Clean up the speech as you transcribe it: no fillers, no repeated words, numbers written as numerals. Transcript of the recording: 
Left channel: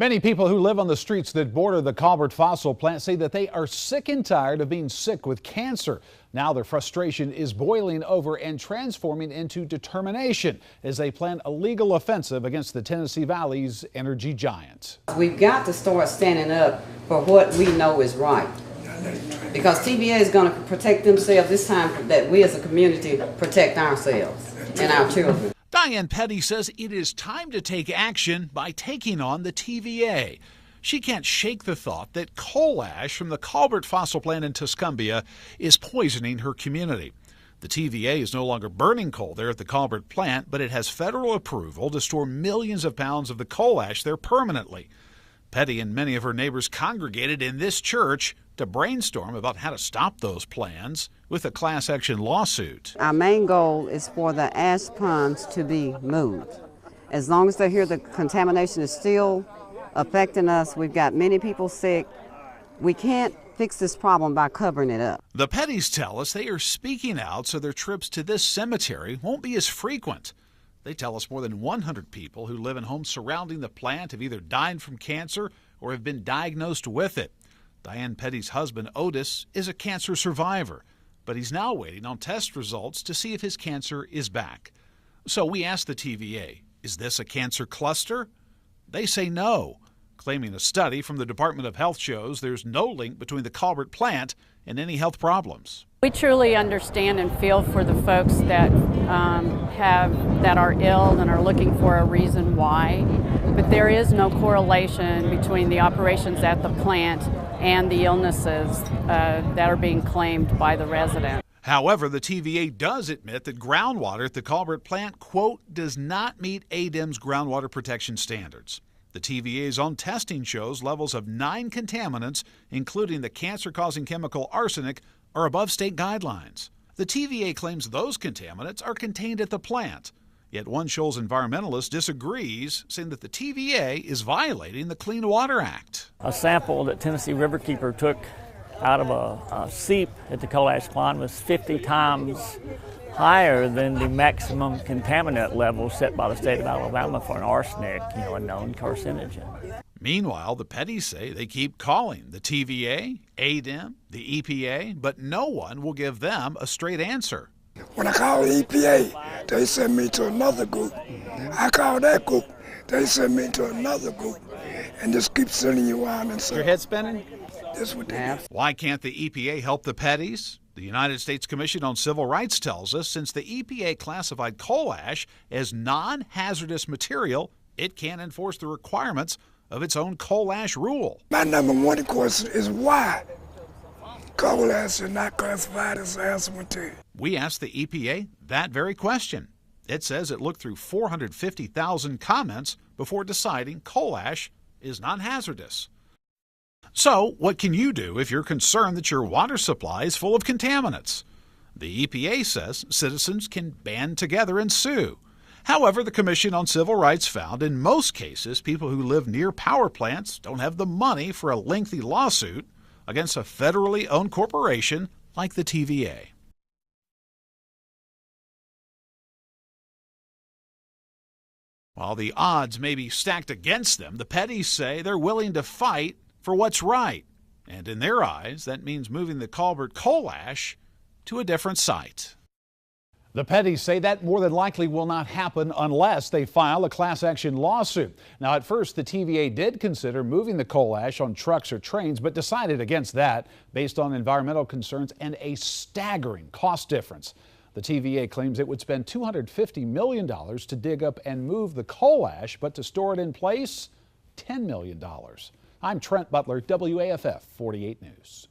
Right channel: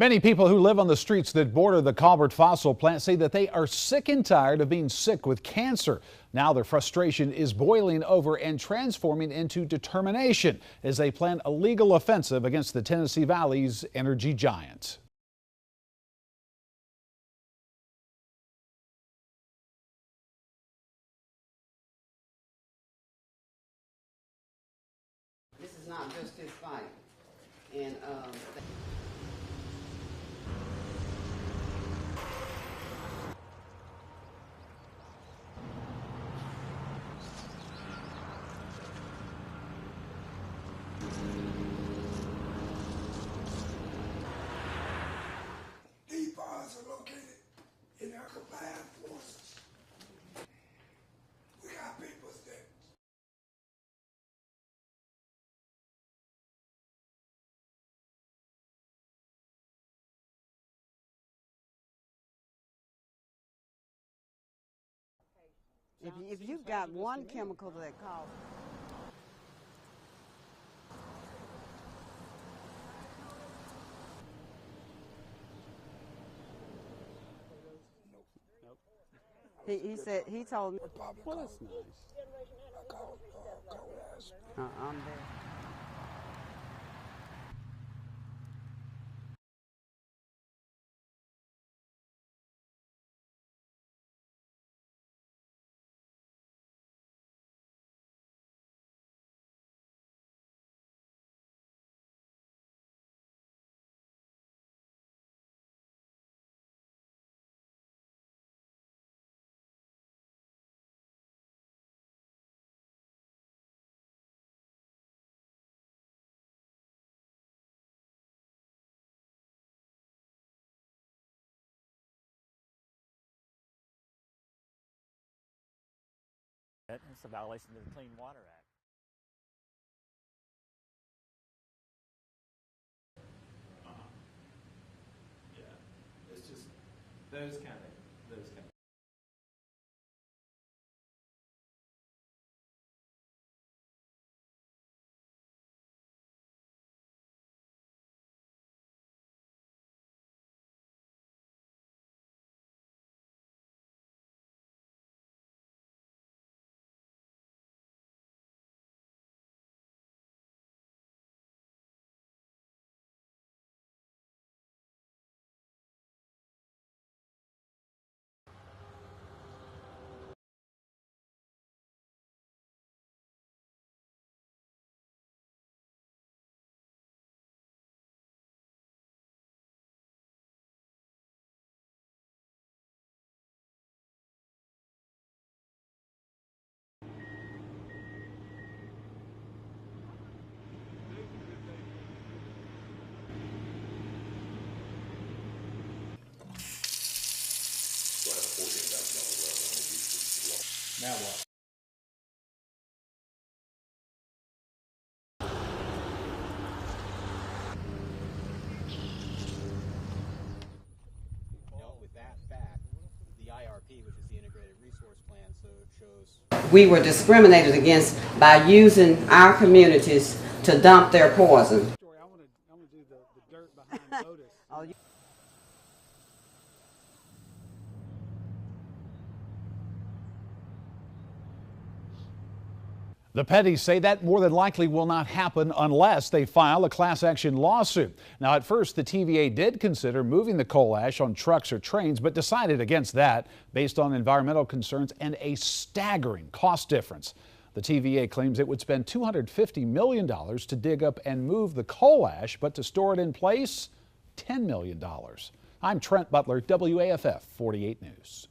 Many people who live on the streets that border the Colbert fossil plant say that they are sick and tired of being sick with cancer. Now their frustration is boiling over and transforming into determination as they plan a legal offensive against the Tennessee Valley's energy giant. We've got to start standing up for what we know is right. Because TVA is going to protect themselves this time, that we as a community protect ourselves and our children. Diane Petty says it is time to take action by taking on the TVA. She can't shake the thought that coal ash from the Colbert fossil plant in Tuscumbia is poisoning her community. The TVA is no longer burning coal there at the Colbert plant, but it has federal approval to store millions of pounds of the coal ash there permanently. Petty and many of her neighbors congregated in this church to brainstorm about how to stop those plans with a class action lawsuit. Our main goal is for the ash ponds to be moved. As long as they're here, the contamination is still affecting us. We've got many people sick. We can't fix this problem by covering it up. The Pettys tell us they are speaking out so their trips to this cemetery won't be as frequent. They tell us more than 100 people who live in homes surrounding the plant have either died from cancer or have been diagnosed with it. Diane Petty's husband, Otis, is a cancer survivor, but he's now waiting on test results to see if his cancer is back. So we asked the TVA, is this a cancer cluster? They say no, claiming a study from the Department of Health shows there's no link between the Colbert plant and any health problems. We truly understand and feel for the folks that are ill and are looking for a reason why, but there is no correlation between the operations at the plant and the illnesses that are being claimed by the resident. However, the TVA does admit that groundwater at the Colbert plant, quote, does not meet ADEM's groundwater protection standards. The TVA's own testing shows levels of 9 contaminants, including the cancer-causing chemical arsenic, are above state guidelines. The TVA claims those contaminants are contained at the plant. Yet one Shoals environmentalist disagrees, saying that the TVA is violating the Clean Water Act. A sample that Tennessee Riverkeeper took out of a seep at the coal ash pond was 50 times higher than the maximum contaminant level set by the state of Alabama for an arsenic, a known carcinogen. Meanwhile, the Pettys say they keep calling the TVA, ADEM, the EPA, but no one will give them a straight answer. When I call the EPA, they send me to another group. I call that group, they send me to another group, and just keep sending you on and so. Your head spinning? That's what they do. Why can't the EPA help the Pettys? The United States Commission on Civil Rights tells us since the EPA classified coal ash as non-hazardous material, it can't enforce the requirements of its own coal ash rule. My number one question is why coal ash is not classified as hazardous material. We asked the EPA that very question. It says it looked through 450,000 comments before deciding coal ash is non-hazardous. So, what can you do if you're concerned that your water supply is full of contaminants? The EPA says citizens can band together and sue. However, the Commission on Civil Rights found in most cases people who live near power plants don't have the money for a lengthy lawsuit against a federally owned corporation like the TVA. We were discriminated against by using our communities to dump their poison. While the odds may be stacked against them, the Pettys say they're willing to fight for what's right. And in their eyes, that means moving the Colbert coal ash to a different site. The Pettys say that more than likely will not happen unless they file a class action lawsuit. Now, at first, the TVA did consider moving the coal ash on trucks or trains, but decided against that based on environmental concerns and a staggering cost difference. The TVA claims it would spend $250 million to dig up and move the coal ash, but to store it in place, $10 million. I'm Trent Butler, WAFF 48 News.